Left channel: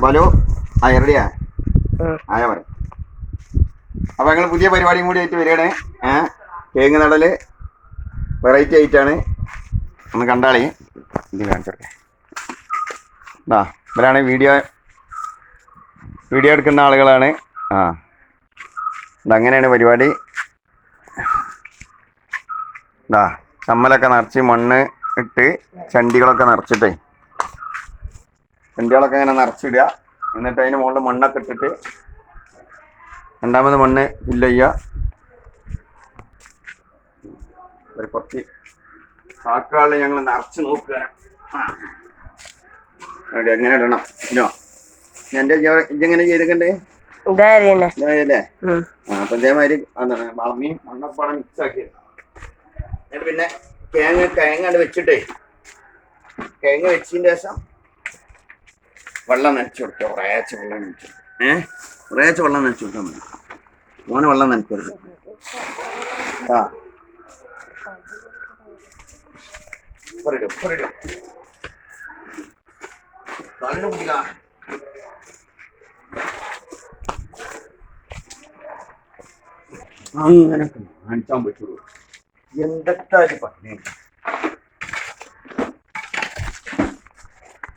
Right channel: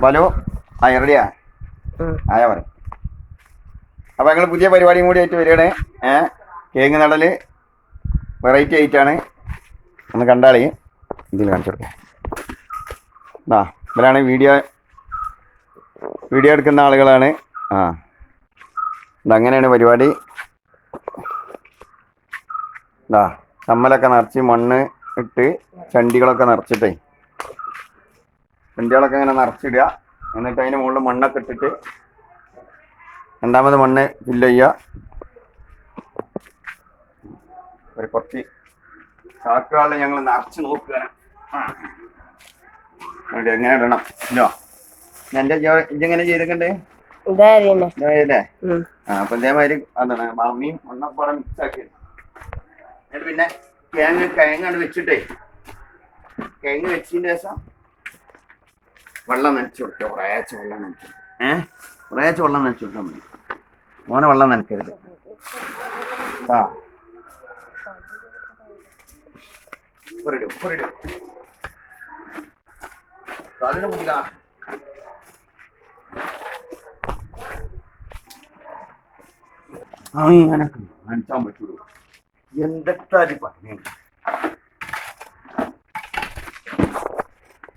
അപ്പൊ ഹലോ റെഡിയാ ആയാ മതി. അപ്പൊ ഞങ്ങൾ പുതിയ പരിപാടിയും കൂടി ആയിട്ട് വരികയാണ്. കേങ്ങ് നടല് വെറൈറ്റി ആയിട്ടാണ്. ഒന്ന് കണ്ടാളേ ഇത് കാണിച്ചു കൊടുക്കേ. ഇവരാണ് വീഡിയോ എടുക്കുന്ന ആളുകളാണ്. ഇതങ്ങനെയാണ് പരിപാടി. ചമ്മലൊക്കെ നിറച്ച് മണ്ണ് ഇട്ട് ചണ്ടികളൊക്കെ നിറച്ചിട്ടേ ചണ്ടികളൊക്കെ ഇങ്ങനെ നിറച്ചിടുക. എന്നിട്ട് അതിന് മുകളിൽ മണ്ണൊക്കെ ഇട്ടിട്ട് രണ്ടാമത് മണ്ണ് ഫില്ല് ചെയ്യുക. ഒരു കുറച്ച് ചാക്കുകളിൽ ഞങ്ങൾ നിറച്ച് നോക്കുക എങ്ങനെ ഇടണം. ഇല്ലോ എൻ്റെ ഇതെങ്ങനെ ചെയ്തിട്ടുണ്ടേ അല്ലേ? അപ്പൊ ഇതേമാതിരി എന്താണ് ഭൂമിയും മണ്ണപ്പാടം മിക്സ് ആക്കി. എന്നിട്ട് പിന്നെ കിഴങ്ങ് വെച്ചിട്ടേ കിഴങ്ങ് വെച്ചതിന് ശേഷം വെള്ളം നനച്ചു കൊടുക്കുക. കുറേശ്ശെ വെള്ളം നനച്ചു കുറേശ്ശെ വെള്ളം നനച്ചു കൊടുത്താൽ മതി. മോനെ വെള്ളം നനക്കരുത്. അങ്ങനെ കാണിച്ചാൻ പറ്റുള്ളൂ. എന്തൊക്കെ പറഞ്ഞു